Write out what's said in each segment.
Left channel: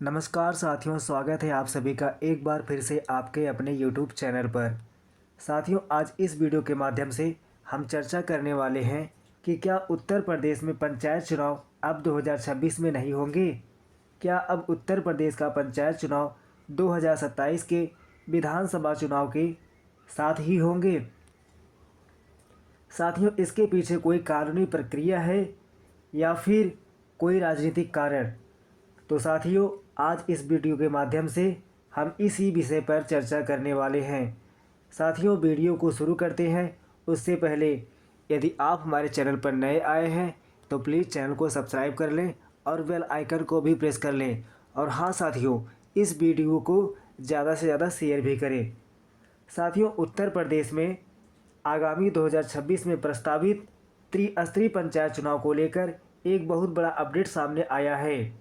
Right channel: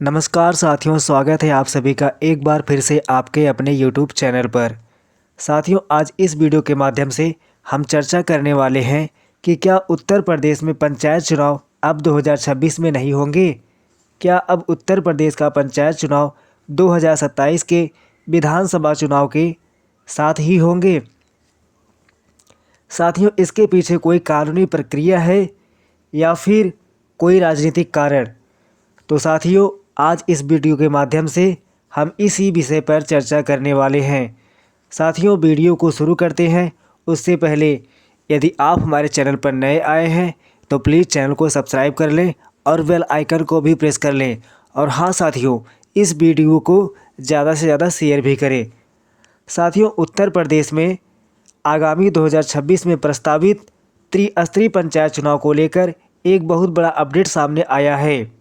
नमस्कार साथियों, स्वागत है आप सभी का एक बार फिर से आपके अपने YouTube चैनल पर। साथियों, आज इस वीडियो के माध्यम से हम चर्चा करने वाले हैं कि क्या उत्तर प्रदेश में पंचायत चुनाव अब 2026 में नहीं होंगे। क्या अब उत्तर प्रदेश का पंचायत चुनाव 2027 के विधानसभा चुनाव के साथ ही होंगे। साथियों, इसके पीछे कोई कानूनी प्रक्रिया है या फिर कोई राजनीतिक कारण। तो साथियों, आज इस वीडियो के माध्यम से हम इसी विषय पर चर्चा करने वाले हैं। साथियों, वीडियो को शुरू करते हैं उससे पहले यदि आप हमारे चैनल पर नए आए हैं तो प्लीज़ चैनल को सब्सक्राइब कर लें और बेल आइकन को भी प्रेस कर लें। और हाँ साथियों, इस वीडियो को ज़्यादा से ज़्यादा शेयर भी करें। साथियों, उत्तर प्रदेश में आगामी 2026 में प्रस्तावित त्रिस्तरीय पंचायत चुनाव को लेकर एक बहुत बड़ा अपडेट सामने आया है।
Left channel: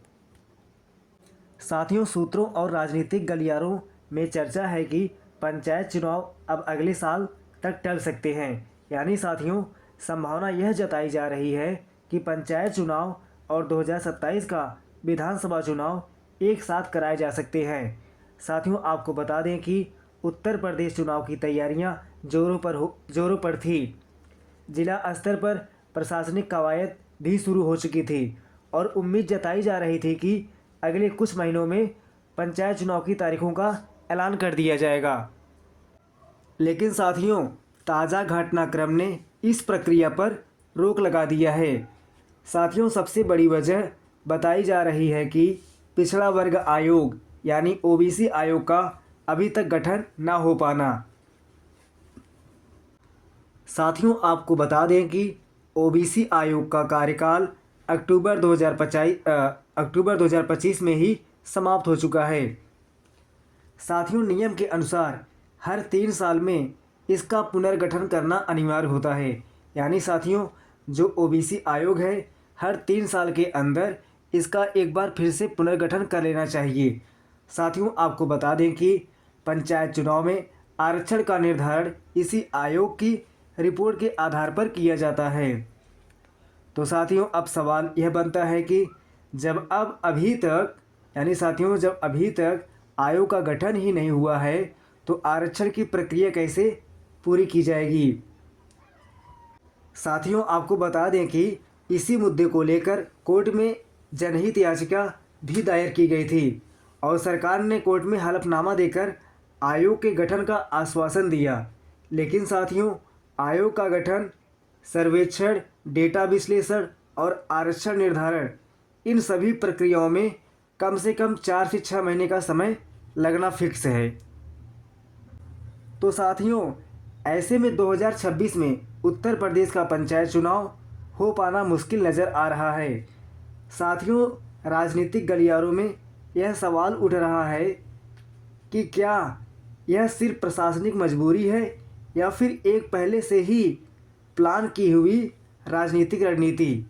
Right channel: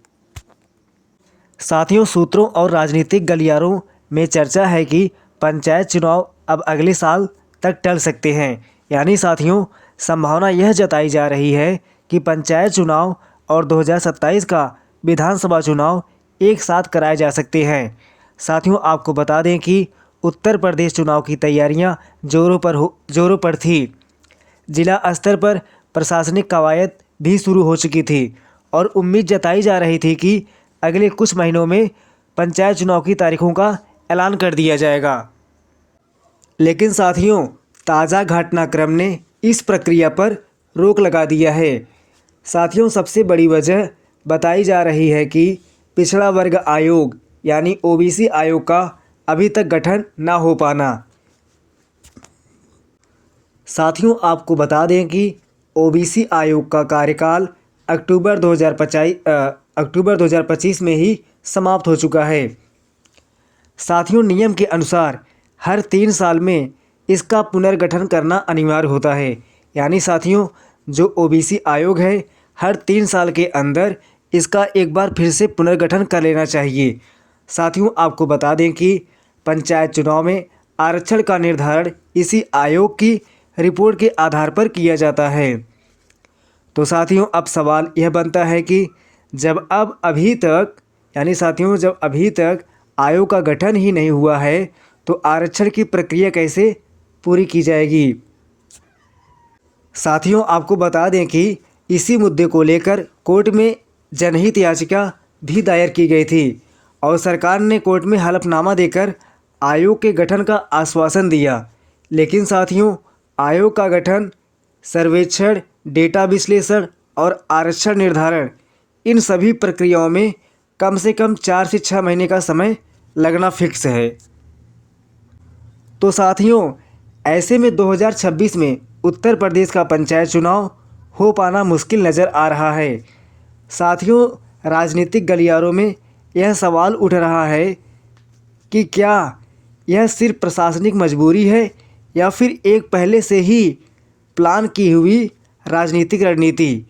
साथियों, सूत्रों और राजनीतिक गलियारों में चर्चा है कि पंचायत चुनाव अब अगले साल तक टल सकते हैं। यानी साथियों, संभावना यह जताई जा रही है कि पंचायत चुनाव और 2027 का विधानसभा चुनाव एक साथ कराए जा सकते हैं। साथियों, आपको बता दें कि उत्तर प्रदेश चुनाव की तैयारियां जोरों पर थी। जिला स्तर पर प्रशासनिक कवायद भी शुरू हो चुकी थी और उम्मीद जताई जा रही थी कि अगले कुछ महीनों में पंचायत चुनाव की तारीखों का ऐलान कर दिया जाएगा। लेकिन साथियों, ताज़ा घटनाक्रम ने इस प्रक्रिया पर रोक लगा दिया है। साथियों, सबसे बड़ी वजह बताई जा रही है कि पिछड़ा वर्ग आयोग यानी ओबीसी आयोग का अभी तक गठन ना हो पाना। साथियों, आपको बता दें कि ओबीसी आयोग का कार्यकाल अक्टूबर 2025 में ही समाप्त हो चुका है। साथियों, नियम के अनुसार हर 3 साल में इसका पुनर्गठन करना अनिवार्य होता है। यानी साथियों, जो ओबीसी आयोग है हर 3 साल के अंदर इसका एक बार फिर से पुनर्गठन कर लेना चाहिए। साथियों, आपको बता दें कि पंचायत चुनाव में आरक्षण का निर्धारण इसी आयोग की रिपोर्ट के आधार पर किया जाता है। तो साथियों, अब सवाल यह बनता है कि जब अभी तक आयोग का गठन ही नहीं हुआ है तो आरक्षण की प्रक्रिया कैसे पूरी की जाएगी। साथियों, आपको बता दें कि इसी मुद्दे को लेकर कोर्ट में जनहित याचिका भी दायर की गई थी और सरकार ने कोर्ट में हलफनामा देकर आयोग के गठन का आश्वासन दिया। लेकिन साथियों, आयोग का गठन, सर्वेक्षण, डेटा विश्लेषण और आरक्षण निर्धारण, इन सभी प्रक्रियाओं में कम से कम 4 से 6 महीने का समय लगना फिक्स है। तो साथियों, ऐसे में 2026 में उत्तर प्रदेश का पंचायत चुनाव हो पाना मुश्किल नज़र आ रहा है। साथियों, राजनीतिक गलियारों में यह सवाल उठ रहा है कि क्या यह सिर्फ प्रशासनिक मजबूरी है या फिर एक पहले से ही प्लान की हुई राजनीतिक रणनीति।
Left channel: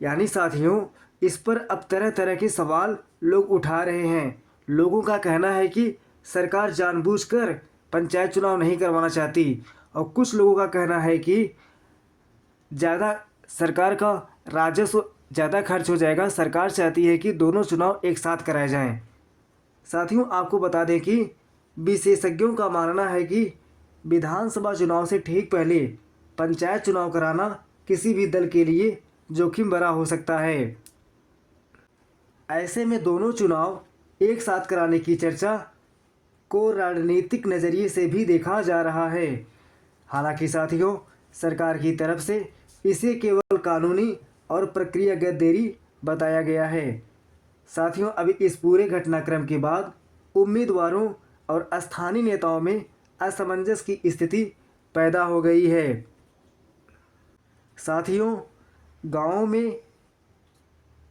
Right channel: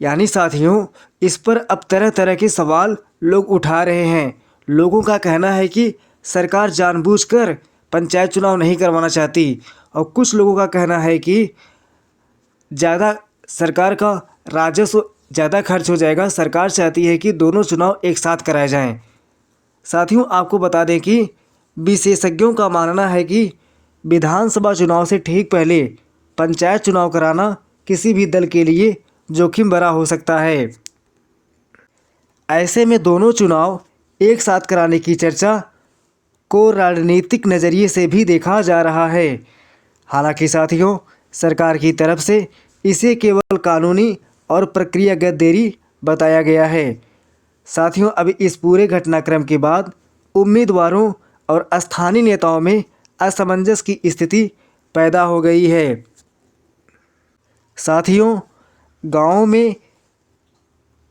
यानी साथियों, इस पर अब तरह तरह के सवाल लोग उठा रहे हैं। लोगों का कहना है कि सरकार जानबूझकर पंचायत चुनाव नहीं करवाना चाहती और कुछ लोगों का कहना है कि सरकार का राजस्व ज़्यादा खर्च हो जाएगा, सरकार चाहती है कि दोनों चुनाव एक साथ कराए जाएं। साथियों, आपको बता दें कि विशेषज्ञों का मानना है कि विधानसभा चुनाव से ठीक पहले पंचायत चुनाव कराना किसी भी दल के लिए जोखिम भरा हो सकता है। ऐसे में दोनों चुनाव एक साथ कराने की चर्चा को राजनीतिक नज़रिए से भी देखा जा रहा है। हालांकि साथियों, सरकार की तरफ से इसे केवल कानूनी और प्रक्रियागत देरी बताया गया है। साथियों, अभी इस पूरे घटनाक्रम के बाद उम्मीदवारों और स्थानीय नेताओं में असमंजस की स्थिति पैदा हो गई है। साथियों, गाँव में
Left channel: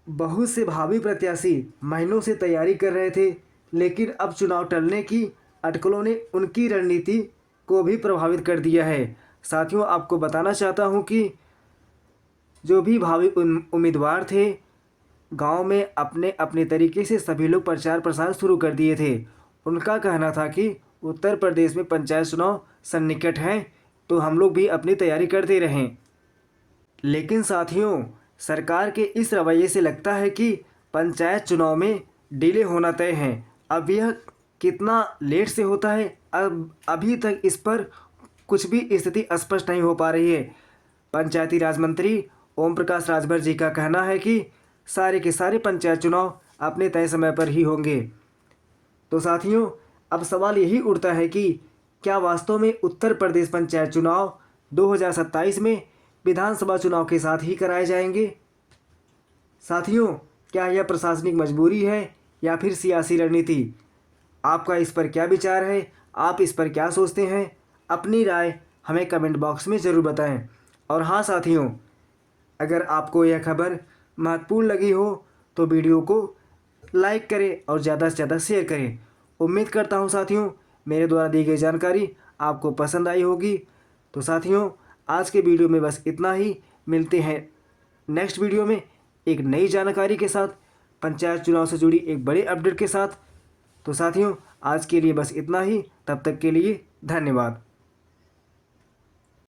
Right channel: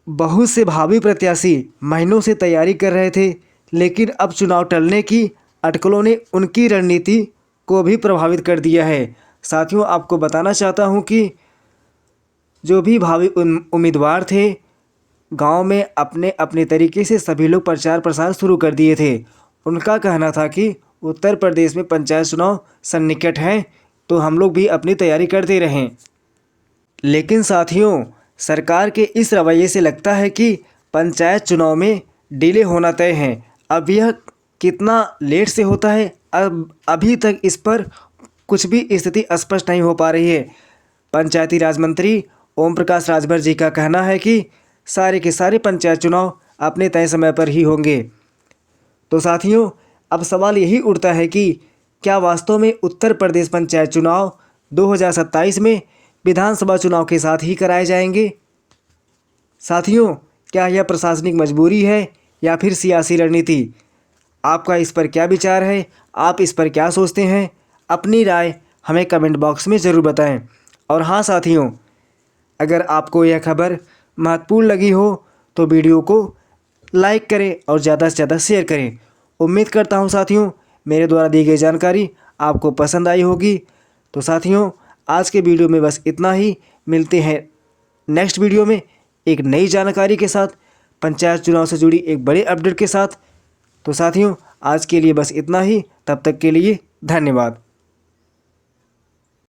बहुत से भावी प्रत्याशी महीनों से तैयारी कर रहे थे, लेकिन अब चुनाव टलने की अटकलों ने उनकी रणनीति को भी प्रभावित कर दिया है। साथियों, आपको बताना चाहता हूं कि जो भी भावी उम्मीदवार थे, गांव में अपने अपने तरीके से सभी लोग प्रचार प्रसार शुरू कर दिए थे। उनका कहना था कि उत्तर प्रदेश में पंचायत चुनाव सन्निकट हैं, तो हम लोग भी अपनी तैयारी करते रहें। लेकिन साथियों, सरकार के इस रवैये से लगता है कि पंचायत चुनाव में डिले होना तय है। अब यह कितना लेट से होता है, अब अभी तक इस पर कुछ भी स्थिति स्पष्ट नहीं हो पा रही है। पंचायती राज मंत्री ओम प्रकाश राजभर जी का कहना है कि सारे के सारे पंचायत चुनाव अपने तय समय पर ही होंगे। तो साथियों, अब सवाल यही उठता है कि क्या वास्तव में उत्तर प्रदेश पंचायत चुनाव 2027 में विधानसभा चुनाव के साथ ही कराए जाएंगे? साथियों, क्या यह प्रशासनिक मजबूरी है या फिर सियासी रणनीति? आपका इस पर क्या विचार है? आप इस पर क्या सोचते हैं? अपनी राय हमें कमेंट बॉक्स में ज़रूर बताएं। और हाँ साथियों, अगर आपको यह खबर महत्वपूर्ण लगी हो तो वीडियो को लाइक करें और ज़्यादा से ज़्यादा शेयर करें। उम्मीद करता हूँ साथियों, मेरे द्वारा दी गई जानकारी आपको पसंद आई होगी। तो साथियों, आज के वीडियो में बस इतना ही। मिलते हैं नेक्स्ट वीडियो में एक नई जानकारी के साथ, पंचायत चुनाव से जुड़ी एक बड़े अपडेट के साथ। तो साथियों, आज के लिए बस इतना ही। तब तक के लिए धन्यवाद।